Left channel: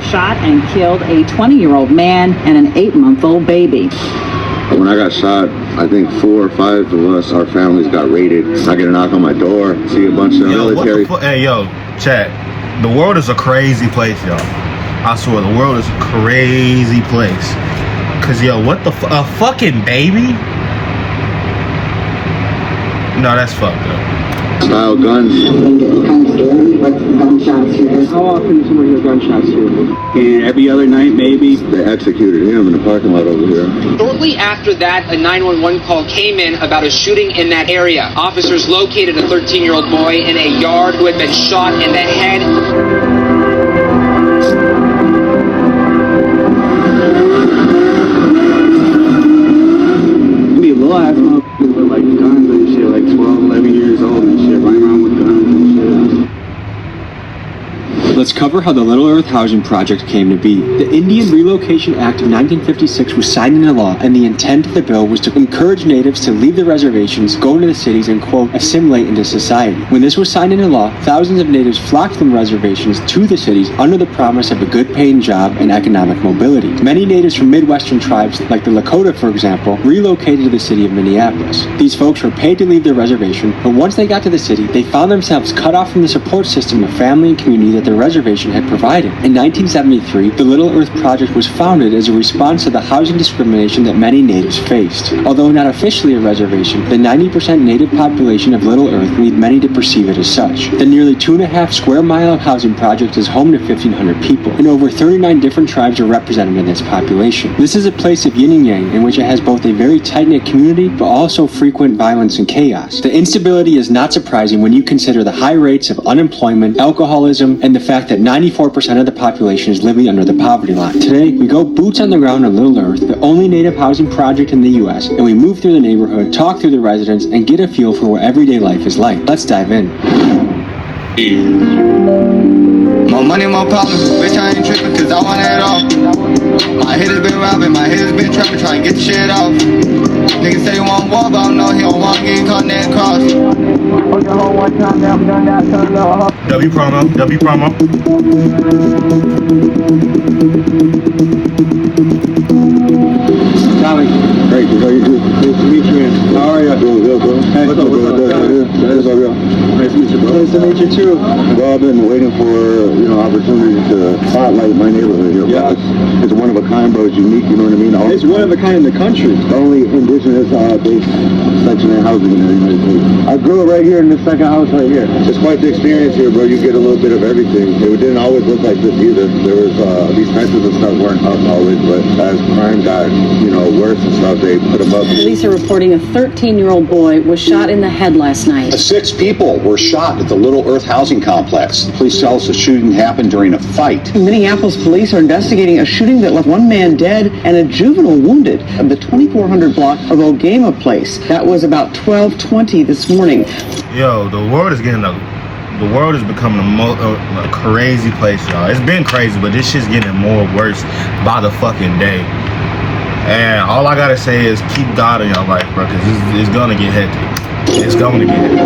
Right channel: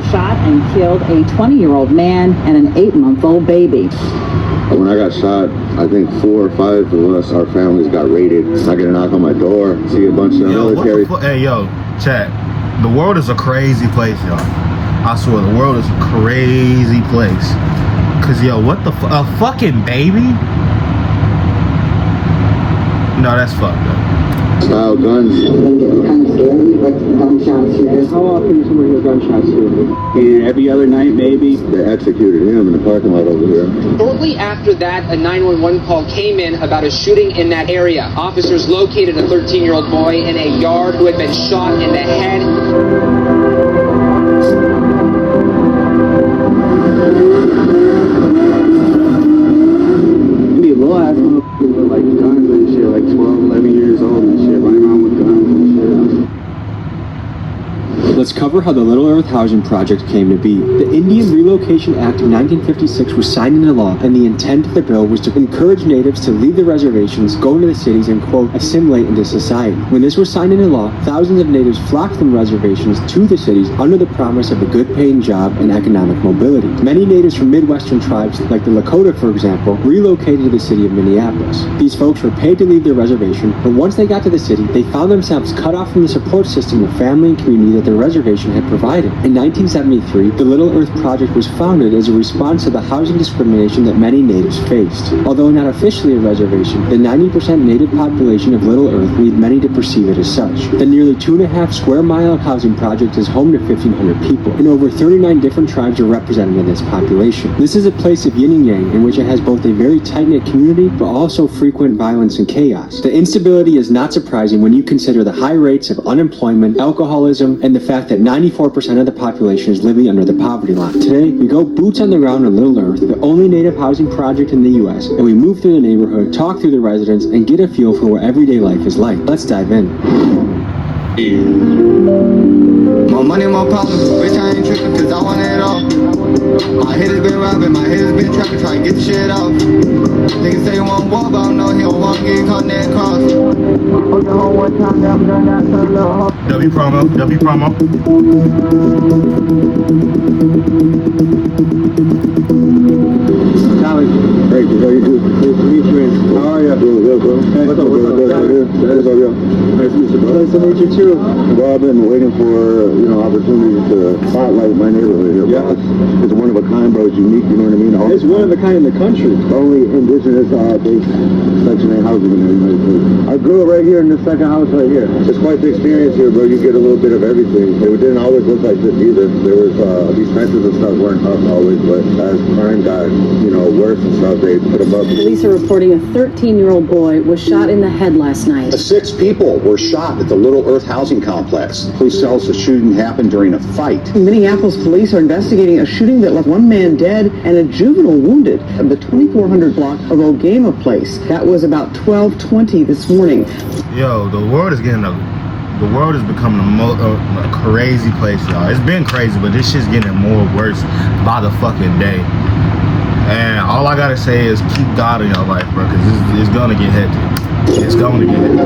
who shot and killed a 20-year-old man and an 8-month-old baby. When I got shot, I think 4 or 5 of us, our families got raided. I get a knock on my door, see a bunch of military. Hey, yo, chat. The world is a crazy place, y'all. I swear, the world is a crazy place. Cause, yo, what the a fucking baby? No, that's fucked up. Style guns. How often do you hear gunshots here? And every other night, maybe. They executed him in the parking lot over here. Shortly after that, a 911 call came in about a shooting in that area. Officers located a 13-year-old boy in a yard who had been shot in the head. Let's cover how the Little Earth Housing Project came to be. The Indian Relocation Act of 1956 was signed into law, and the intent of the bill was to encourage natives to leave the reservations, go into the cities, and, quote, assimilate into society. When this was signed into law, thousands of natives flocked from the reservations to the cities under the promise of a good-paying job and economic mobility. Many natives from Midwestern tribes, like the Lakota, for example, relocated to the city of Minneapolis. These folks were paid to leave their reservation, but once they got to the city, they found themselves cut off from the support system of family and community that their reservation had provided. In 1973, the Little Earth Project was founded as a response to the housing discrimination that many natives faced. Although not officially a reservation, the 90% native population of Little Earth lead many to perceive it as such. The nearly 2.5 square mile housing project is home to 1,500 people, and over 39 different tribes are represented in this population. This is a place of yin and yang, in which it has both a very tight-knit community, but also frequent violence and chaos. The instability is not surprising when you consider the high rates of unemployment, alcoholism, and the fact that 94% of the population is living under the poverty line. Today, we go boots on the ground on Little Earth, the only native housing project in the U.S., and we move through the neighborhood, talk through the residents, and get a feel for what everyday life is like. Let's dive in. More money, more problems, bitch, I ain't tripping cause I want it all. My head has been robbing, my head has been trapping, trying to get the shit off. Niggas say he want war, but I know he don't want to get caught in that cross. W promo, W promo. Charlie. Great, how you doing? Nice to meet you. How are you? Doing good, bro. Hey, what's up, bro? That is all real. Nice to meet you, bro. Nice to meet you, too. Well, I've been waiting for, opportunities to spotlight my neighborhood here. Yeah. It's one of a kind, bro. It's unique, you know what I mean? It's one of a kind in the country. The only indigenous section of housing here. I grew up right here in this second house right here. It's quite the experience here, bro. You get a little bit of everything. It didn't always look like this either. There was these fences and stuff weren't up always, but as crime got, worse and stuff, they put them up. Police are reporting a 13-year-old boy was shot in the head last night. 6 people were shot at the Little Earth housing complex. Police tell us the shooting happened during a fight. Minneapolis police are investigating a shooting that left 1 man dead and a juvenile wounded at the 2400 block of Ogama Place. That was about 12:20 this morning. Yo, the world is becoming a crazy place, y'all. It's been crazy, but this shit's getting more worse by the fucking day. And all I gotta say is keep God in your life, bro, because it's gonna get hectic. It's gonna get hectic.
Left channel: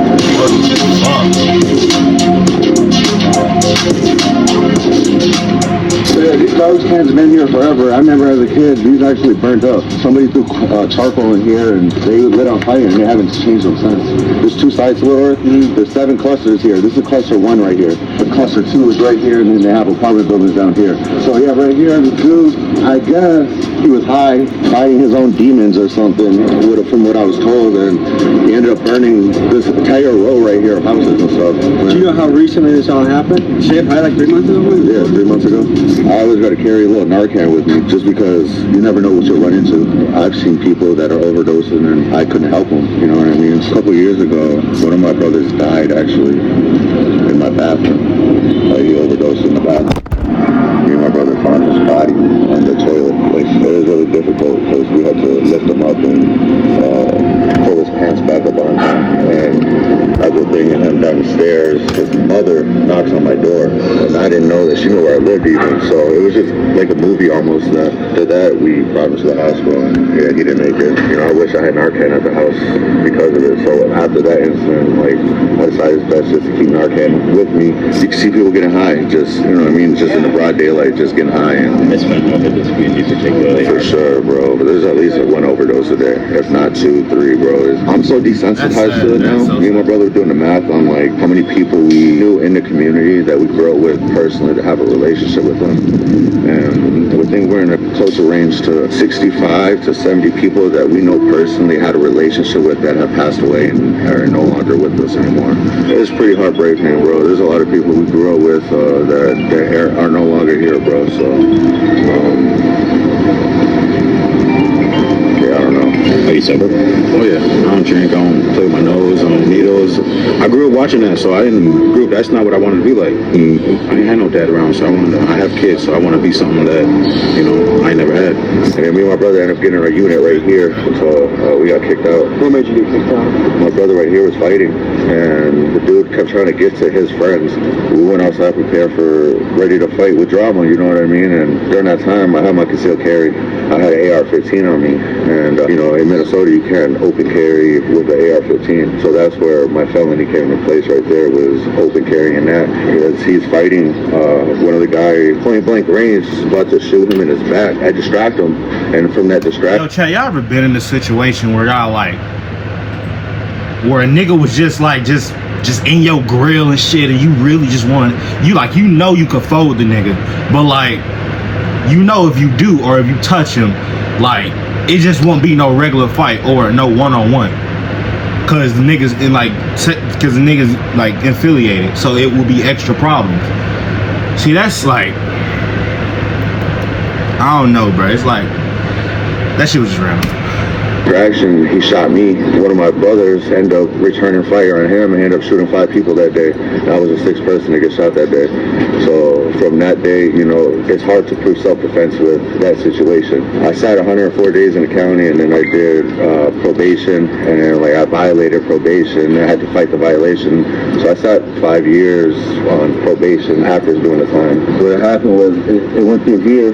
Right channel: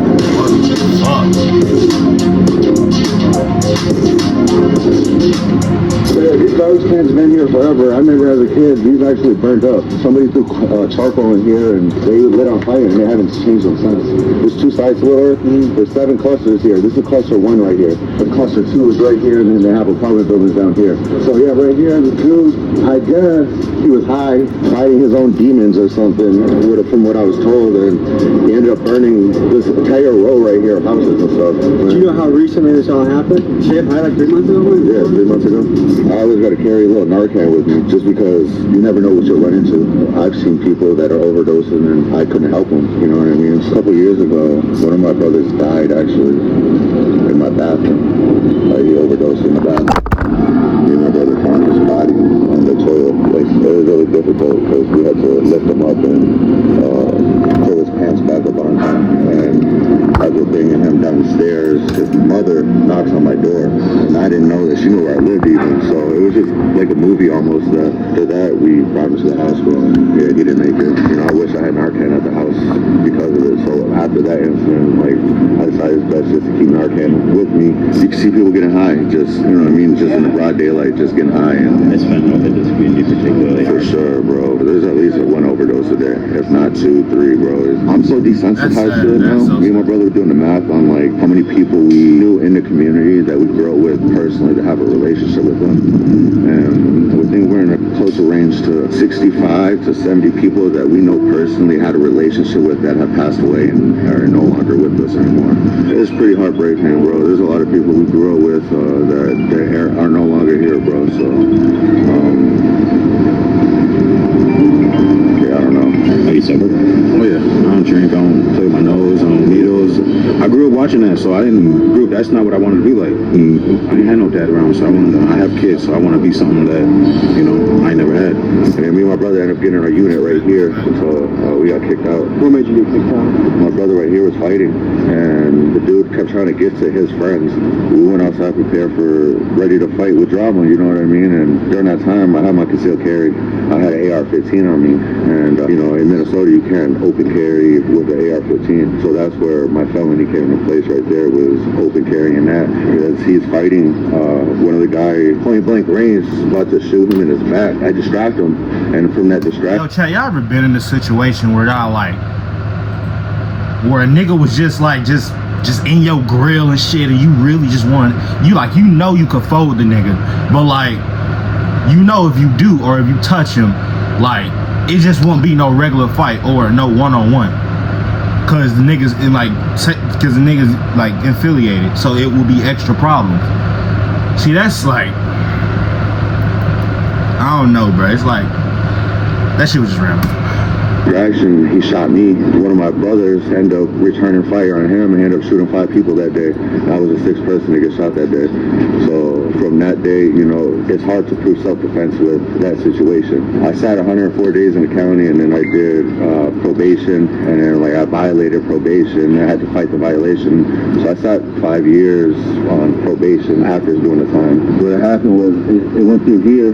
These garbage cans have been here forever. I remember as a kid, these actually burnt up. Somebody threw charcoal in here and they lit on fire and they haven't changed them since. There's 2 sites, Little Earth. There's 7 clusters here. This is cluster 1 right here. And cluster 2 is right here, and then they have apartment buildings down here. So yeah, right here, the dude, I guess he was high, fighting his own demons or something, from what I was told, and he ended up burning this entire row right here of houses and stuff. Do you know how recently this all happened? Shit, probably like 3 months ago? Yeah, 3 months ago. I always got to carry a little Narcan with me, just because you never know what you'll run into. I've seen people that are overdosing and I couldn't help them, you know what I mean? A couple years ago, one of my brothers died actually in my bathroom. He overdosed in the bathroom. Me and my brother found his body on the toilet. It was really difficult because we had to lift him up and pull his pants back up on him. And as we're bringing him downstairs, his mother knocks on my door. And I didn't know that she knew where I lived even. So it was just like a movie almost. After that, we brought him to the hospital. Yeah, he didn't make it. I wish I had Narcan at the house because of it. So after that incident, I decided it's best just to keep Narcan with me. You can see people getting high, just, you know what I mean, just in the broad daylight, just getting high. And It's fentanyl hit this community particularly. for sure, bro. There's at least one overdose a day, if not 2, 3, bro. I'm so desensitized to it now. Me and my brother were doing the math on like how many people we knew in the community that we grew up with personally to have a relationship with them. And I think we're in a closer range to 65 to 70 people that we know personally had a relationship with that have passed away and are no longer with us anymore. It's pretty heartbreaking, bro. There's a lot of people we grew up with that are no longer here, bro. So, yeah, I don't know. Are you sober? Oh yeah, I don't drink, I don't play with my nose, I don't needles. I grew up watching that, so I didn't grow up, that's not what I wanted to be like. I ain't had no dad around, so I have kids, so I want to be something that, you know, I ain't never had. And me and my brother ended up getting our unit right here until we got kicked out. What made you get kicked out? My brother right here was fighting, and the dude kept trying to get to his friends. We went outside prepared for, ready to fight with drama, you know what I mean? And during that time, I had my concealed carry. I had an AR-15 on me, and you know, in Minnesota, you can't open carry with the AR-15. So that's where my felony came into place right there, was open carrying that. Because he's fighting one of the guys, point blank range, about to shoot him in his back. I distract him, and from that distraction... Yo, Chad, y'all ever been in a situation where y'all like, where a nigga was just like, just in your grill and shit, and you really just want, you like, you know you could fold the nigga, but like, you know if you do, or if you touch him, like, it just won't be no regular fight or no one-on-one, cause the niggas in like, cause the niggas like affiliated, so it will be extra problems. See, that's like, I don't know, bro. It's like, that shit was just random. Action, he shot me. One of my brothers ended up returning fire on him and he ended up shooting 5 people that day. I was the 6th person to get shot that day. So from that day, you know, it's hard to prove self-defense with that situation. I sat 104 days in the county, and then I did probation, and then like I violated probation. I had to fight the violation. So I sat 5 years on probation after doing the time. What happened was it went through here.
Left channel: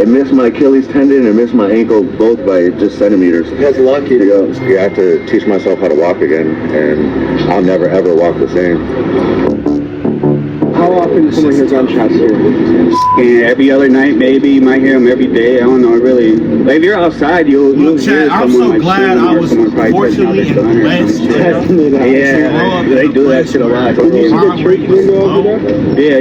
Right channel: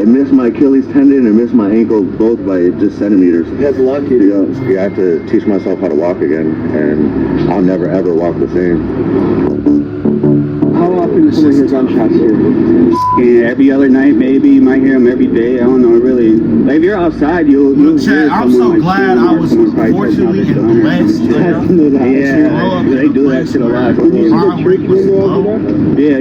It missed my Achilles tendon and missed my ankle both by just centimeters. That's lucky. Yeah, I have to teach myself how to walk again, and I'll never ever walk the same. How often do you hear gunshots here? And every other night, maybe you might hear them every day. I don't know, really. But if you're outside, you'll Look, hear Chad, I'm so someone glad I was fortunately and blessed enough to grow Yeah, up they in a do that place shit a where lot. crime rate was low, Yeah.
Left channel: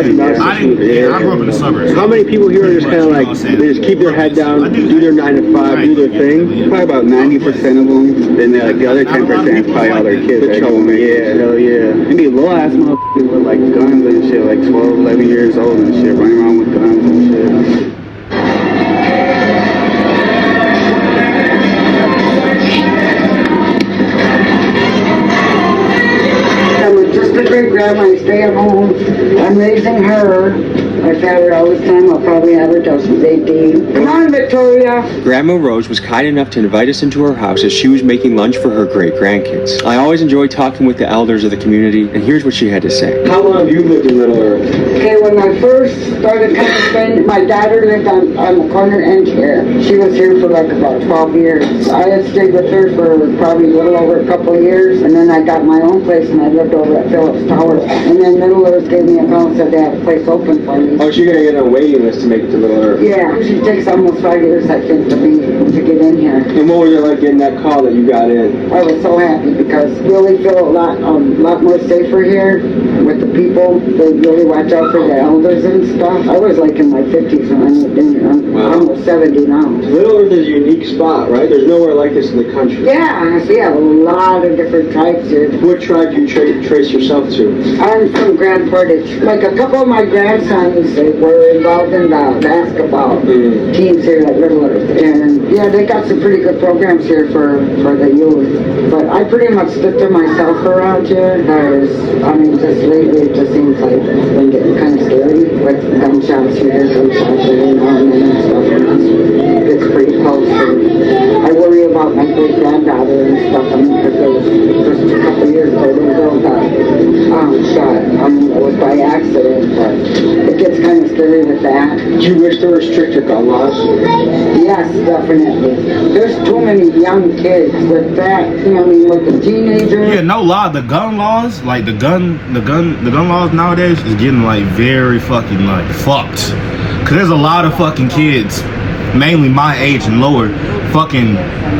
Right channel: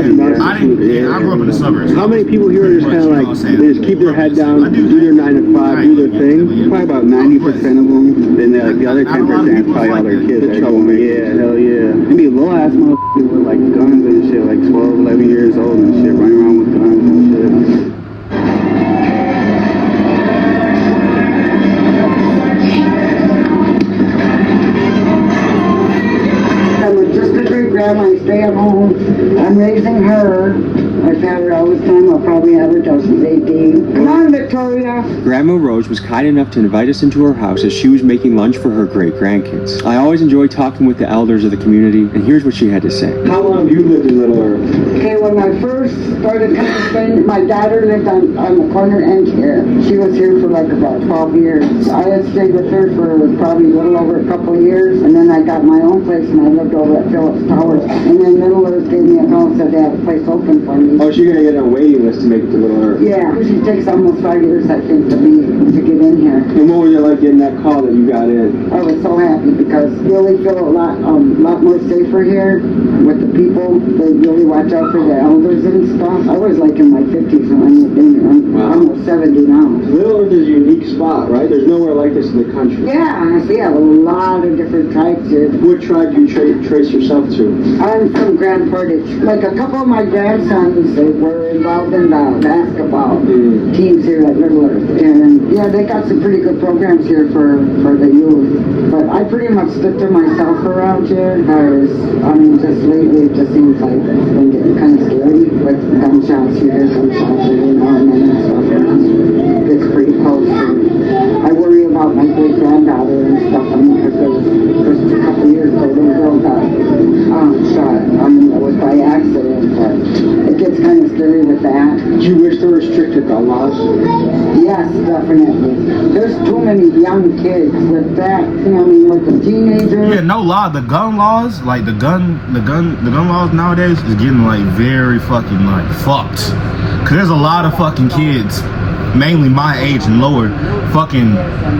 and I grew up in the suburbs. How many people here are just kind of like, they just keep their head down, do their 9 to 5, do their thing? Probably about 90% of them. Then like the other 10% probably all their kids. Yeah. Maybe little ass motherfuckers with like guns and shit, like 12, 11 years old and shit, running around with guns and shit. Grandma, I stay at home. I'm raising her. My father always time I'll probably have her till she's 18. Come on, Victoria. Grandma Rose was kind enough to invite us into her house as she was making lunch for her great-grandkids. I always enjoy talking with the elders of the community, and here's what she had to say. How long have you lived in Little Earth? Okay, when I first started kind of spending, my daughter lived on the corner end here. She was here for like about 12 years. I had stayed with her for probably a little over a couple of years, and then I got my own place, and I lived over at Phillips Tower. And then Little Earth gave me a call and said they had a place open for me. Oh, she's gonna get on a waiting list to make it to Little Earth. Yeah, she takes almost 5 years, I think, to get in here. And what was it like getting that call that you got in? I was so happy because we really feel a lot more safer here with the people. They really watch out for the elders and stuff. I was like in my 50s when I moved in here. I'm almost 70 now. Little Earth is a unique spot, right? There's nowhere like this in the country. Yeah, we have a lot of different tribes here. What tribe do you trace yourself to? I'm from Grand Portage. Like a couple of my grandsons were involved in the basketball teams here at Little Earth. And yeah, they got some pretty good programs here for the youth. But I pretty much stick to myself around here. There's, I mean, just lately it just seems like it's been getting kind of scary with gunshots here, gunshots here, and stuff. It's pretty close. I worry about my great granddaughter and stuff. I mean, because just a couple of years ago, the girl got shot. I mean, it was by accident, but it gets kind of scary with that. Do you wish to restrict your gun laws? Yes, definitely. There's too many young kids with that, you know, I mean, with the teenagers. Yeah, no lie, the gun laws, like the gun laws nowadays is getting like very fucking like fucked. Cause there's a lot of fucking kids, mainly my age and lower, fucking,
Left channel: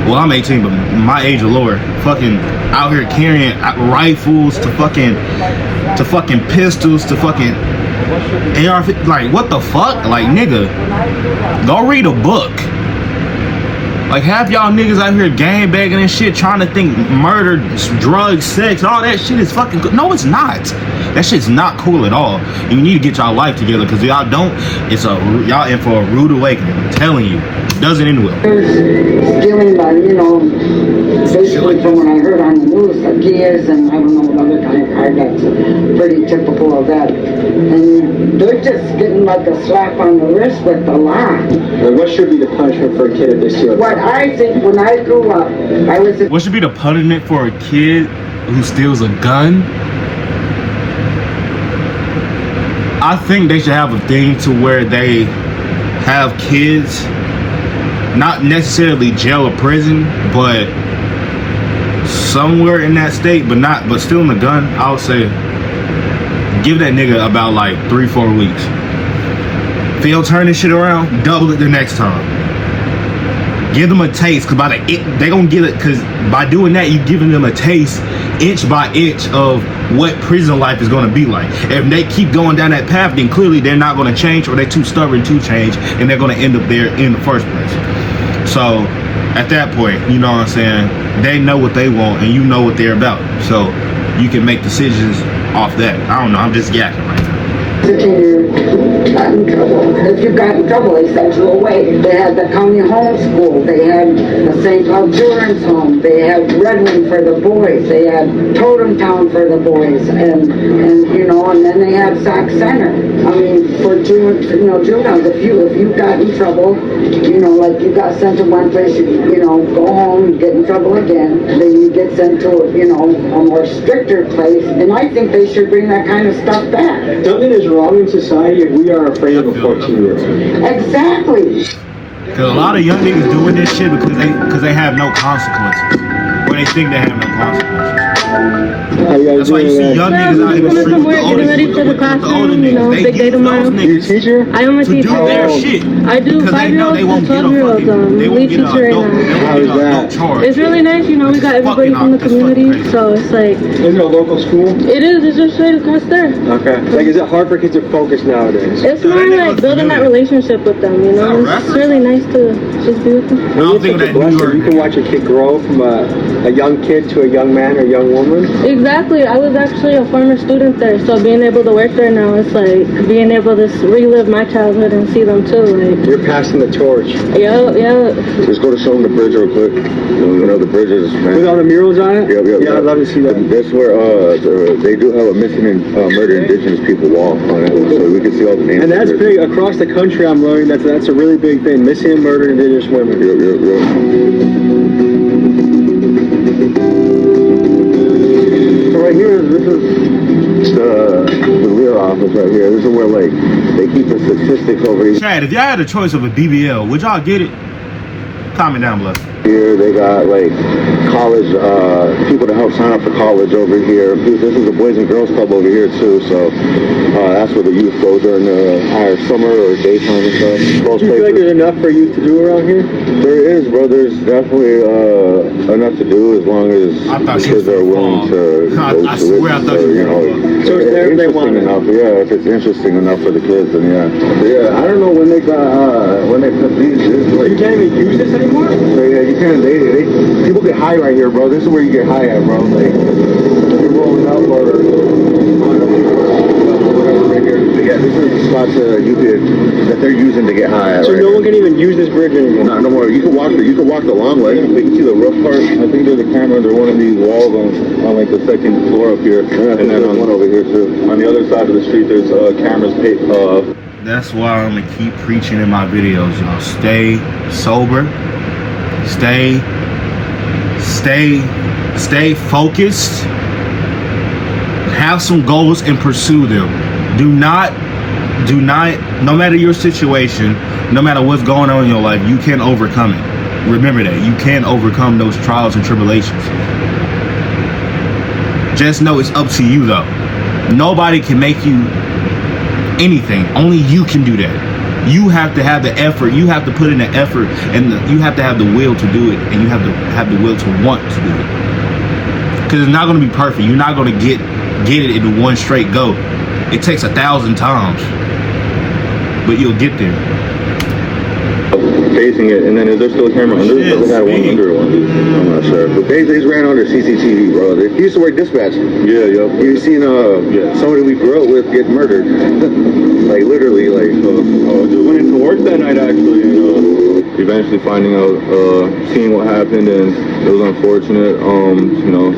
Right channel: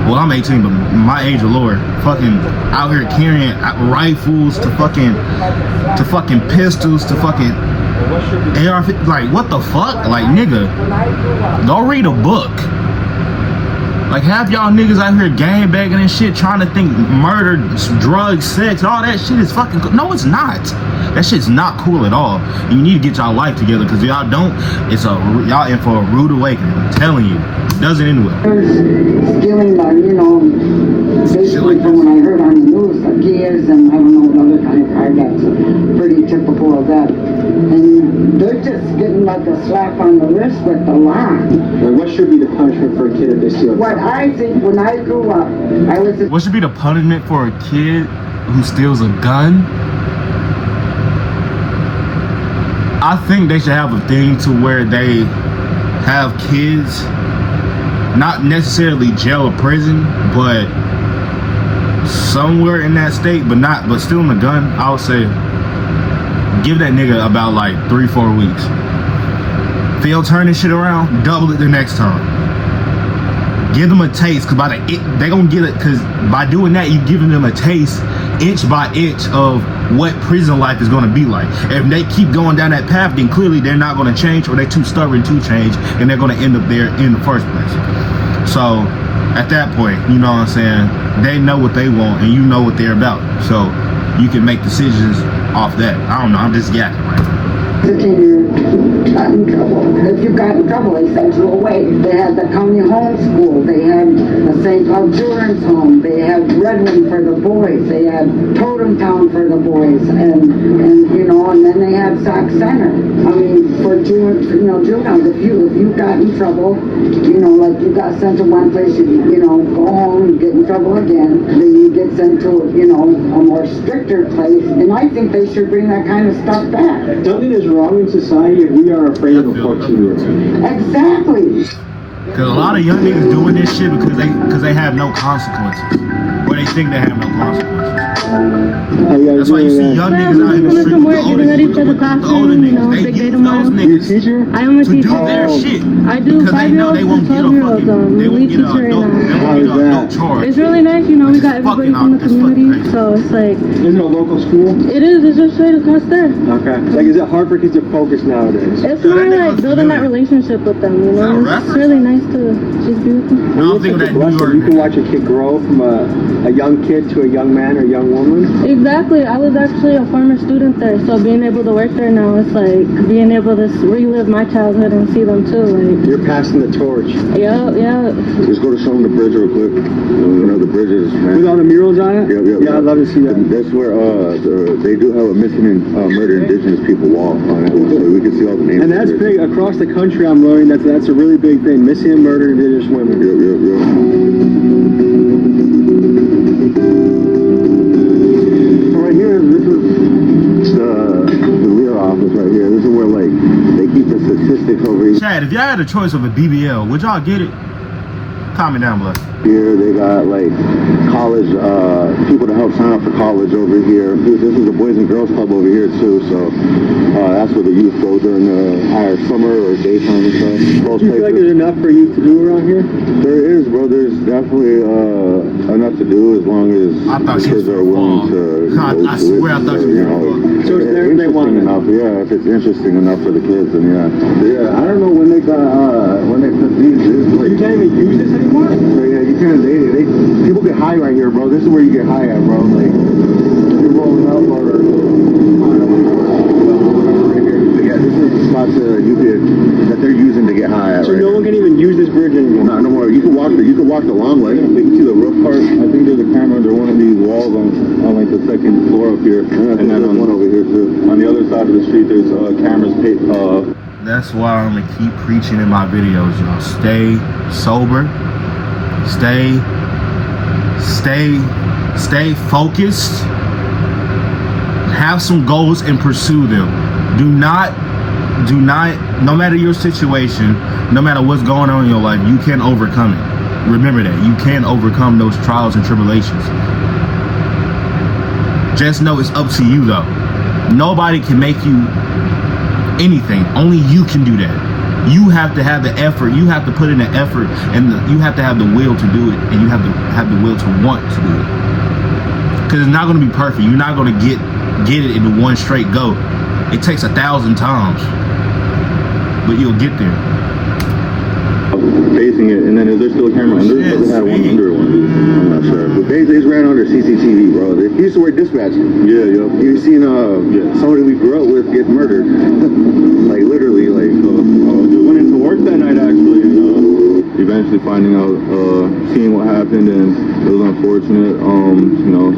well I'm 18, but my age or lower, fucking out here carrying rifles to fucking pistols to fucking AR, like what the fuck? Like nigga, go read a book. Like half y'all niggas out here gang banging and shit, trying to think murder, drugs, sex, all that shit is fucking cool. No, it's not. That shit's not cool at all. And you need to get y'all life together, because y'all don't, y'all in for a rude awakening. I'm telling you, it doesn't end well. Stealing by, you know, Shit like basically this. when I heard on the news, the kids and I don't know, other guy that's pretty typical of that. And they're just getting like a slap on the wrist with the law. Like, what should be the punishment for a kid if they steal? What I think, when I grew up, I was What should be the punishment for a kid who steals a gun? I think they should have a thing to where they have kids, not necessarily jail or prison, but somewhere in that state, but stealing a gun, I would say give that nigga about like 3-4 weeks. If they don't turn this shit around, double it the next time. Give them a taste, cause they gonna get it, cause by doing that you giving them a taste, inch by inch, of what prison life is gonna be like. If they keep going down that path, then clearly they're not gonna change, or they're too stubborn to change, and they're gonna end up there in the first place. So at that point, you know what I'm saying, they know what they want and you know what they're about, so you can make decisions off that. I don't know, I'm just yakking right now. got in trouble. If you got in trouble, they sent you away. They had the county home school. They had the St. Cloud Children's Home. They had Redmond for the boys. They had Totem Town for the boys. And you know, and then they had Sac Center. I mean, for juveniles, if you got in trouble, you know, like you got sent to one place, you know, go home, you get in trouble again, then you get sent to, you know, a more stricter place. And I think they should bring that kind of stuff back. Something is wrong in society if we are afraid of a 14-year-old. Exactly. Because a lot of young niggas doing this shit because they have no consequences. Or they think they have no consequences. That's why you see young niggas out in the street with the older niggas. They use those niggas to do their shit. Because they know they won't get a fucking, they won't get an adult charge. It's really nice, you know, we got everybody from the community, so it's like... Is it a local school? It is, it's just straight across there. Okay. Like, is it hard for kids to focus nowadays? It's more like building that relationship with them, you know? It's really nice to just be with them. No, I'm thinking that New York. You can watch a kid grow from a young kid to a young man or a young woman. Exactly. I was actually a former student there, so being able to work there now, it's like being able to relive my childhood and see them too. Like, you're passing the torch. Yeah. Let's go to show them the bridge real quick. You know the bridges, man. With all the murals on it? Yep. Yeah, I'd love to see that. That's where they do have a missing and murdered indigenous people wall on it, so we can see all the names. And that's big across the country. I'm learning that's a really big thing. Missing and murdered indigenous women. Yep. So right here, this is the rear office right here. This is where like they keep the statistics over here. Chad, if y'all had a choice of a BBL, would y'all get it? Comment down below. Here they got like college people to help sign up for college over here. This is the Boys and Girls Club over here too, so that's where the youth go during the either summer or daytime and stuff. Do you feel like there's enough for youth to do around here? There is, bro. There's definitely enough to do as long as kids are willing to. I swear I thought you were going to. So it's interesting enough, yeah. If it's interesting enough for the kids, then yeah. But yeah, I don't know when they got when they put these. You can't even use this anymore? Yeah, you can. People get high right here, bro. This is where you get high at, bro. Like, you're rolling up or right here. Yeah, this is the spot that they're using to get high at. So right no here. one can even use this bridge anymore? No more. You can walk the long way. You can see the rough part. I think there's a camera under one of these walls on like the second floor up here. Yeah, and then on one over here too. On the other side of the street, there's cameras. That's why I'm gonna keep preaching in my videos, y'all. Stay sober. Stay focused. Have some goals and pursue them. Do not, no matter your situation, no matter what's going on in your life, you can overcome it. Remember that. You can overcome those trials and tribulations. Just know it's up to you though. Nobody can make you anything. Only you can do that. You have to have the effort. You have to put in the effort, and you have to have the will to do it, and you have to have the will to want to do it. Because it's not going to be perfect. You're not going to get it in one straight go. It takes 1,000 times, but you'll get there. Facing it, and then is there still a camera under? I'm not sure. But basically, it's ran under CCTV, bro. He used to work dispatch. Yeah, yeah. You seen somebody we grew up with get murdered, like literally, like. Just went into work that night actually, and eventually finding out, seeing what happened, and it was unfortunate.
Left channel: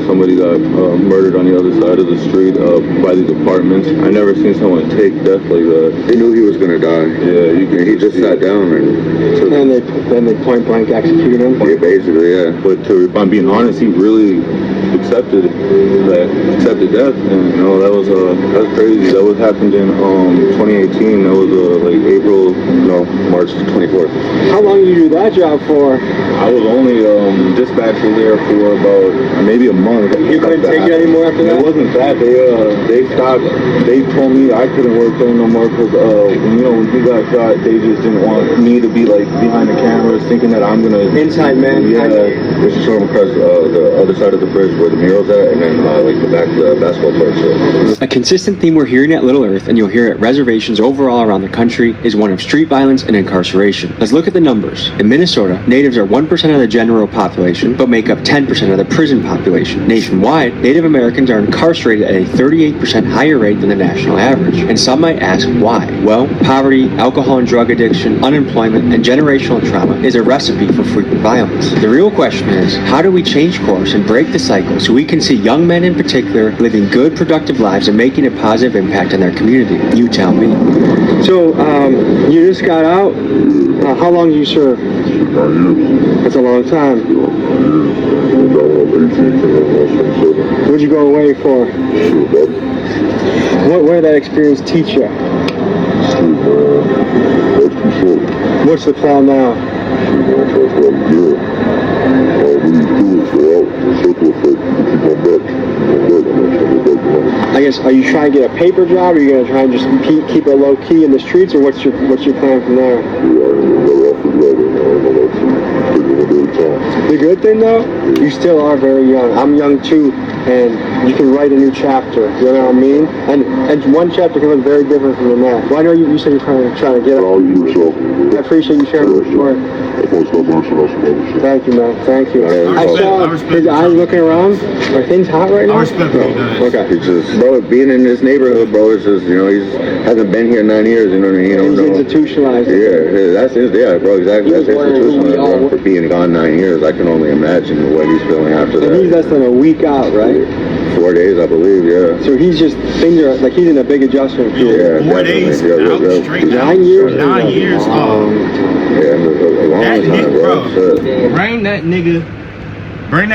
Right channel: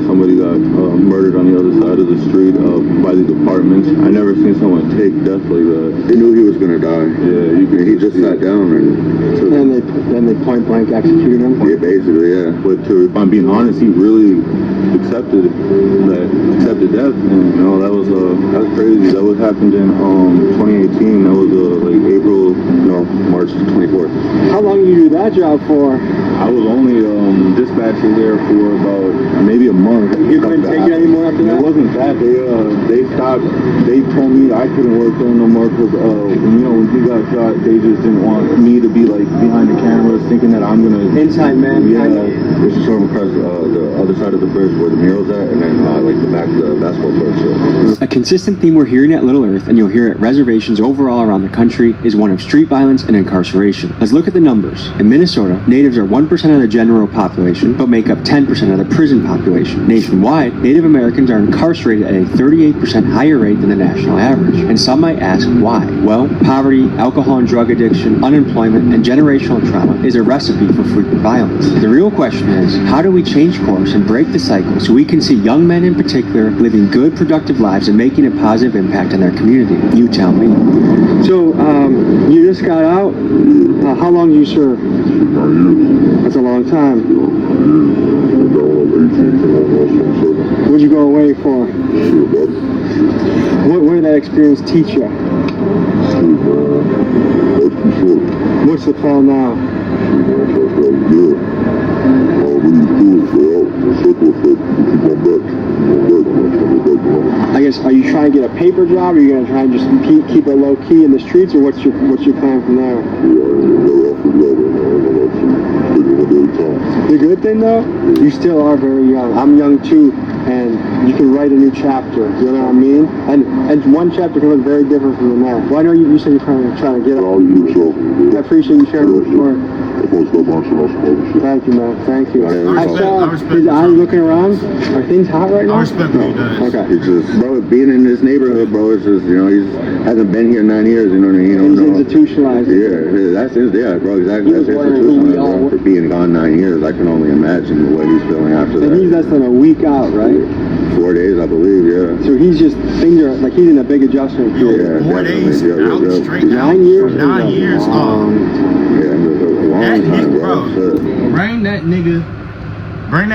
Somebody got murdered on the other side of the street by these apartments. I never seen someone take death like that. They knew he was gonna die. Yeah, he just sat down and they point blank executed him. Yeah, basically, yeah. But if I'm being honest, he really accepted death, and that was crazy. That was happened in 2018. That was March 24th. How long did you do that job for? I was only dispatcher there for about maybe a month. You couldn't take it anymore after that? It wasn't that. They stopped. They told me I couldn't work there no more because when he got shot, they just didn't want me to be like behind the cameras, thinking that I'm gonna inside man. Yeah, they should show him across the other side of the bridge where the mural's at, and then like the back of the basketball court. A consistent theme we're hearing at Little Earth, and you'll hear at reservations overall around the country, is one of street violence and incarceration. Let's look at the numbers. In Minnesota, natives are 1% of the general population, but make up 10% of the prison population. Nationwide, Native Americans are incarcerated at a 38% higher rate than the national average. And some might ask why. Well, poverty, alcohol and drug addiction, unemployment, and generational trauma is a recipe for frequent violence. The real question is, how do we change course and break the cycle so we can see young men in particular living good, productive lives and making a positive impact in their community? You tell me. So, you just got out. How long did you serve? That's a long time. What'd you go away for? What did that experience teach you? What's the plan now? I guess, are you trying to get a paper job, or are you going to try and just keep it low key in the streets, or what's your plan from there? The good thing though, you still are very young. I'm young too, and you can write a new chapter. You know what I mean? And one chapter can look very different from the next. Well, I know you said you're trying to get it. I appreciate you sharing your story. Thank you, man. Thank you. I respect his eyes looking around. Are things hot right now? I respect what he does. Okay. It's just, bro, being in this neighborhood, bro, it's just, he hasn't been here 9 years, you know what I mean? He's institutionalized. Yeah, bro, exactly. That's institutionalized, bro, for being gone 9 years. I can only imagine what he's feeling after that. And he's less than a week out, right? 4 days, I believe, yeah. So he's just, things are, like, he's in a big adjustment period. 4 days out, straight out. 9 years? 9 years, that nigga, bro, bring that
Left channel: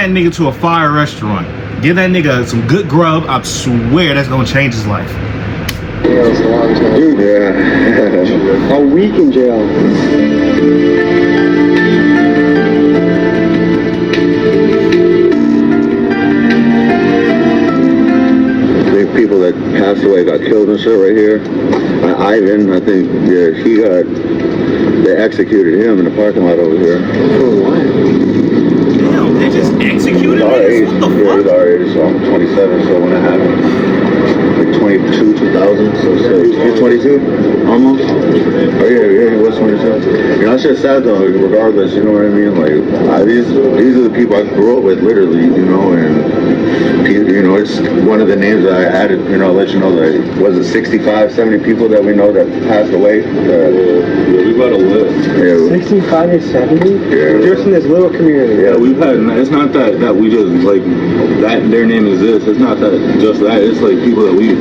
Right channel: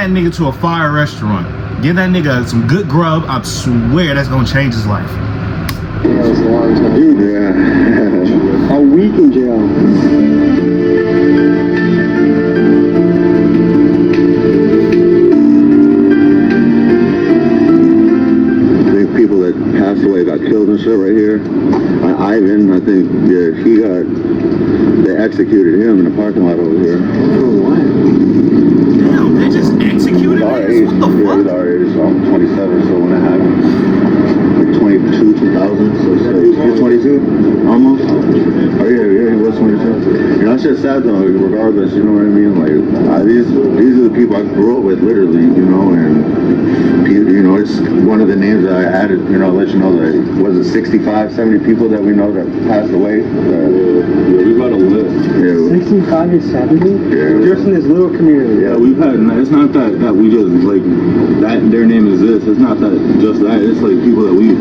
nigga to a fire restaurant. Give that nigga some good grub. I swear that's gonna change his life. Yeah, it's a long time. Dude, a week in jail. People that passed away got killed and shit right here. Ivan, I think, they executed him in the parking lot over here. Damn, they just executed niggas? What the fuck? He's already 27, so when it happened, like 22, 2000, so you're 22? Almost? Oh yeah, he was 22. That's just sad though, regardless, you know what I mean? Like, these are the people I grew up with, literally, and it's one of the names that I added, let you know that was it 65, 70 people that we know that passed away. We got a list. Yeah. 65 or 70? Yeah. Just in this little community. Yeah, we've had, it's not that we just, like, that their name is this. It's not that just that. It's like people that we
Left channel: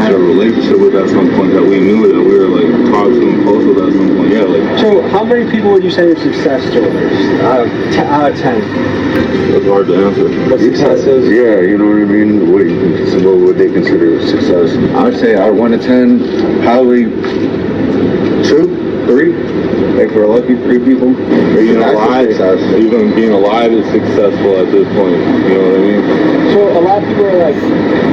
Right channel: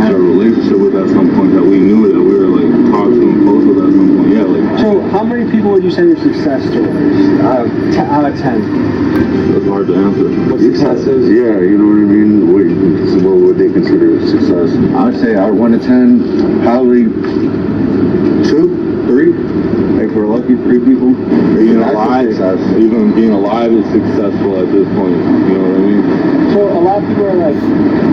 had a relationship with at some point, that we knew that we were, like, talking close with at some point. Yeah, like. So how many people would you say are success stories out of 10? It's hard to answer. What success is? Yeah, you know what I mean? What would they consider success? I would say out of 1 to 10, probably 2. 3. If we're lucky, 3 people. Being alive, even being alive is successful at this point. You know what I mean? So a lot of people are like,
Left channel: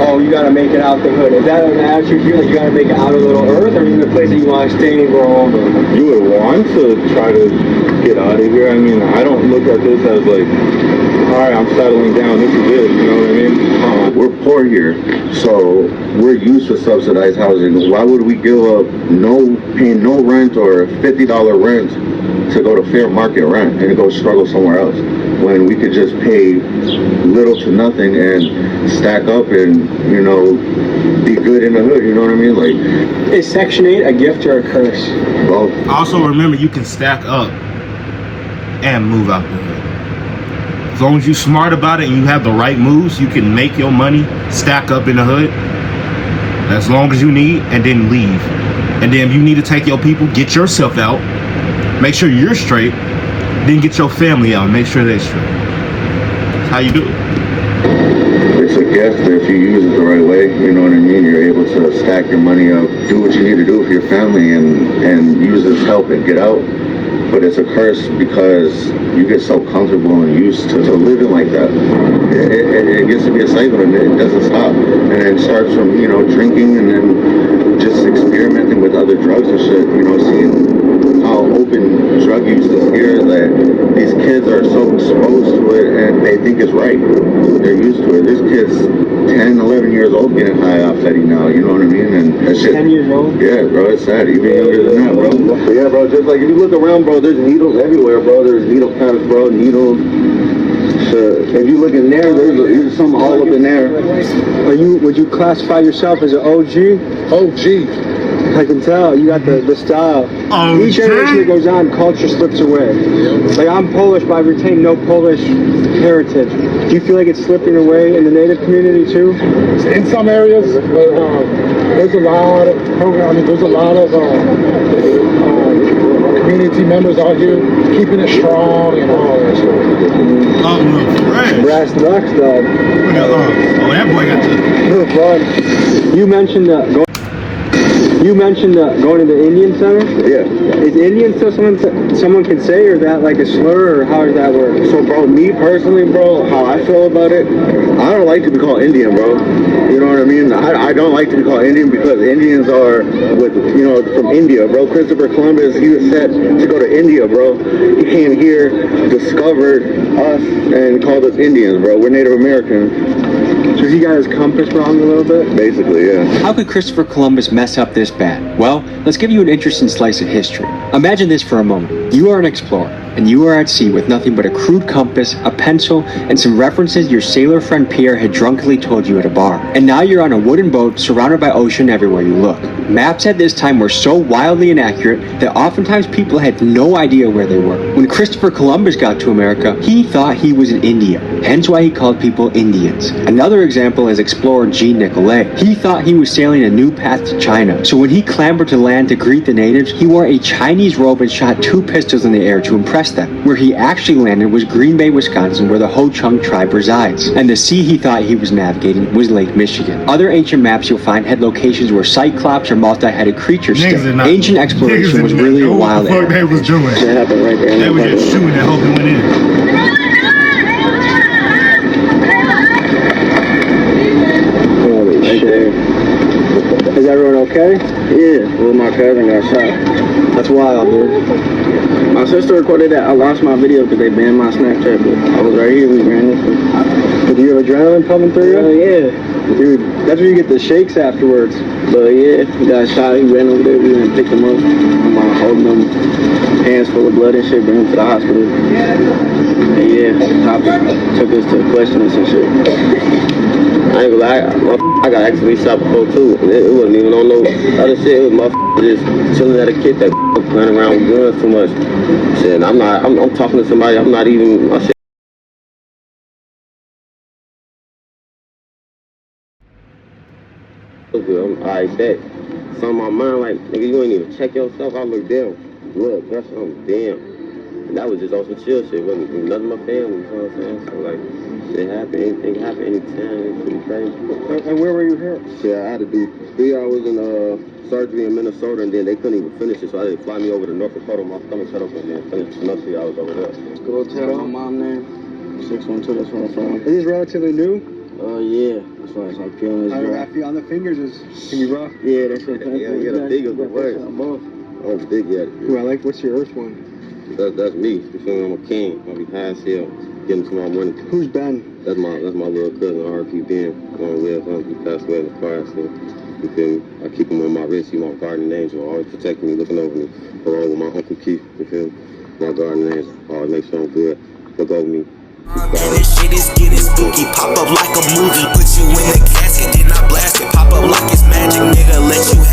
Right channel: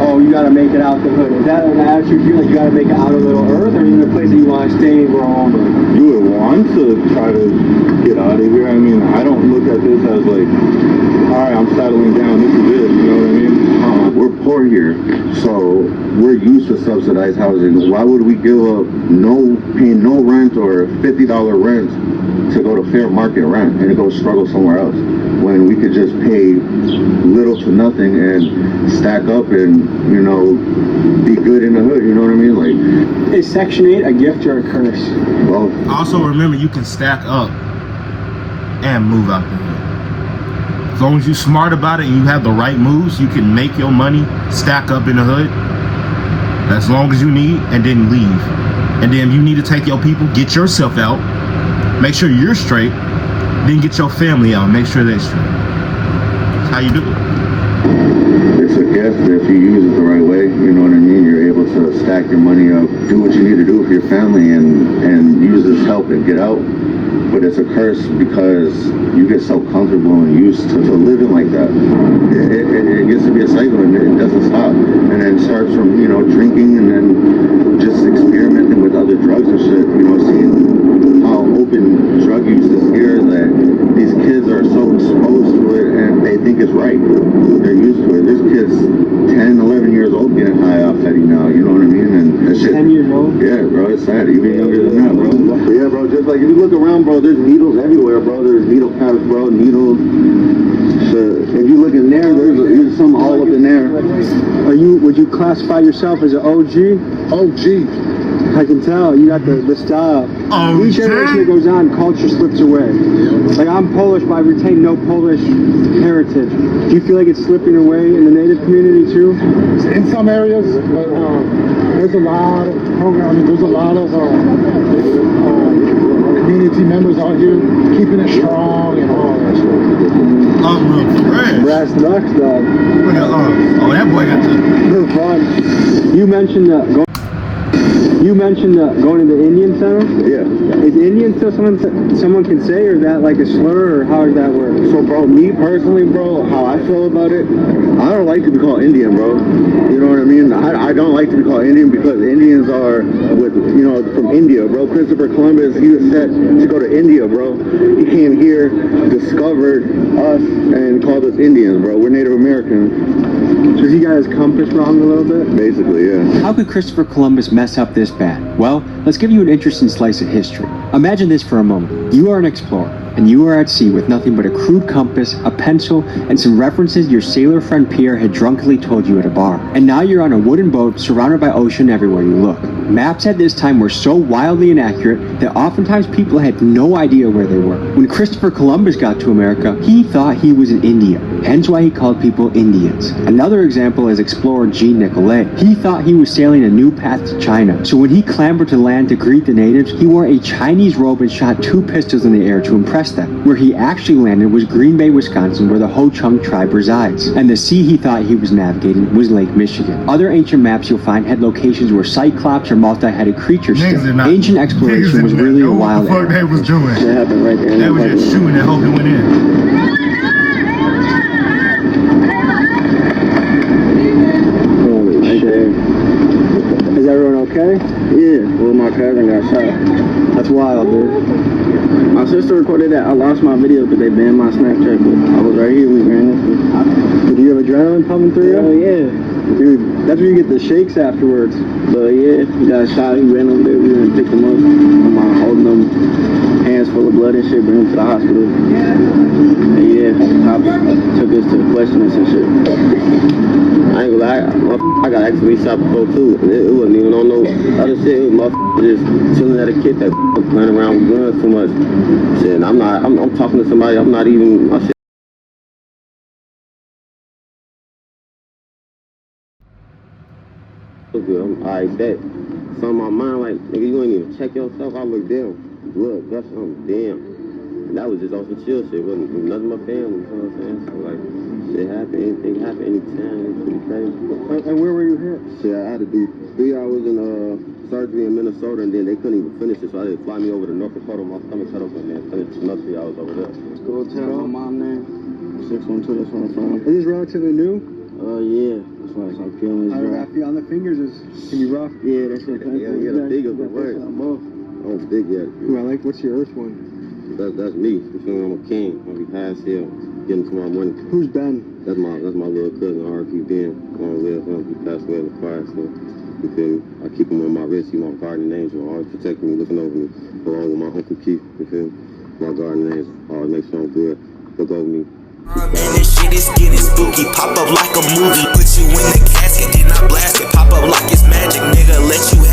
oh, you gotta make it out the hood. Is that an attitude here that you gotta make it out of Little Earth, or is it a place that you want to stay and grow home? You would want to try to get out of here. I mean, I don't look at this as like, all right, I'm settling down. This is it. You know what I mean? We're poor here, so we're used to subsidized housing. Why would we give up paying no rent or $50 rent to go to fair market rent and go struggle somewhere else when we could just pay little to nothing and stack up and, you know, be good in the hood, you know what I mean? Like, is Section 8 a gift or a curse? Both. Also remember, you can stack up and move out the hood. As long as you're smart about it and you have the right moves, you can make your money, stack up in the hood as long as you need, and then leave. And then if you need to take your people, get yourself out, make sure you're straight, then get your family out and make sure they're straight. That's how you do it. It's a gift if you use it the right way, you know what I mean? You're able to stack your money up, do what you need to do for your family and use this help and get out. But it's a curse because you get so comfortable and used to living like that. It gets to be a cycle and it doesn't stop. And it starts from, you know, drinking and then just experimenting with other drugs and shit, you know, seeing how open drug use is here that these kids are so exposed to it and they think it's right. They're used to it. There's kids 10, 11 years old getting high off Fetty now, you know what I mean? And that shit. 10 years old? Yeah, bro, it's sad. Even younger than that, bro. But yeah, bro, just like if you look around, bro, there's needles everywhere, bro. There's needle counts, bro, needles. If you look in there, there's some all up in there. Would you classify yourself as an OG? OG. I can tell. You got the style. Oh, each generation that goes on, culture slips away. Like, I'm Polish, but I retain no Polish heritage. Do you feel like it's slipping away in the native community too? In some areas, but there's a lot of programming. There's a lot of community members out here keeping it strong and all that stuff. Oh, look, fresh. Brass knucks, though. Look at, oh, that boy got the... Look, bud. You mentioned going to the Indian Center? Yeah. Is Indian something someone can say, or is that like a slur, or how does that work? So, bro, me personally, bro, how I feel about it, I don't like to be called Indian, bro. You know what I mean? I don't like to be called Indian because Indians are, from India, bro. Christopher Columbus, he was set to go to India, bro. He came here, discovered us, and called us Indians, bro. We're Native American. So he got his compass wrong a little bit? Basically, yeah. How could Christopher Columbus mess up this bad? Well, let's give you an interesting slice of history. Imagine this for a moment. You are an explorer, and you are at sea with nothing but a crude compass, a pencil, and some references your sailor friend Pierre had drunkenly told you at a bar. And now you're on a wooden boat surrounded by ocean everywhere you look. Maps at this time were so wildly inaccurate that oftentimes people had no idea where they were. When Christopher Columbus got to America, he thought he was in India, hence why he called people Indians. Another example is explorer Jean Nicolet. He thought he was sailing a new path to China, so when he clambered to land to greet the natives, he wore a Chinese robe and shot 2 pistols in the air to impress them. Where he actually landed was Green Bay, Wisconsin, where the Ho-Chunk tribe resides. And the sea he thought he was navigating was Lake Michigan. Other ancient maps you'll find had locations where cyclops or multi-headed creatures stood. Ancient exploration was really a wild what the fuck they was doing. They were just shooting and hoping it went in. Is everyone okay? Yeah, well, my cousin got shot. That's wild, dude. My sister recorded that. I lost my video because they banned my Snapchat. But I was right here. We ran this thing. Do you have adrenaline pumping through you? Yeah. Dude, that's where you get the shakes afterwards. But yeah, he got shot. He ran over there. We went and picked him up. I'm holding him, hands full of blood and shit. Bring him to the hospital. And yeah, the cops took us to questions and shit. I ain't gonna lie, I got actually shot before too. It wasn't even on no other shit. It was motherfucker just chilling at a kid that playing around with guns too much. Shit, I'm talking to somebody. I'm not even. My shit. I bet. It's on my mind like, nigga, you ain't even check yourself. I'm like, damn. What? That's damn. And that was just on some chill shit. Wasn't nothing my family, you know what I'm saying? So like, It happened. Anything happen anytime. It's pretty crazy. And where were you hurt? Yeah, I had to do 3 hours in surgery in Minnesota, and then they couldn't even finish it, so I had to fly me over to North Dakota. My stomach cut up and then finish another 3 hours over there. Go tell my mom name. 612, that's where I'm from. Is this relatively new? Yeah. That's why I'm feeling this. How do I feel on the fingers? Can you rough? Yeah, that's what Yeah, the fingers are right. Oh, the big yet. Who I like? What's your earth one? That's me. You feel me? I'm a king. I'll be past here, getting to my money. Who's Ben? That's my little cousin, RP Ben. He passed away in the car accident. You feel me? I keep him on my wrist. He's my guardian angel, always protecting me, looking over me. Along with my Uncle Keith, you feel me? My guardian angel, always make sure I'm good. Look over me. And this shit is getting spooky. Pop up like a movie. Put you in the casket, then I blast it. Pop up like it's magic, nigga. Let you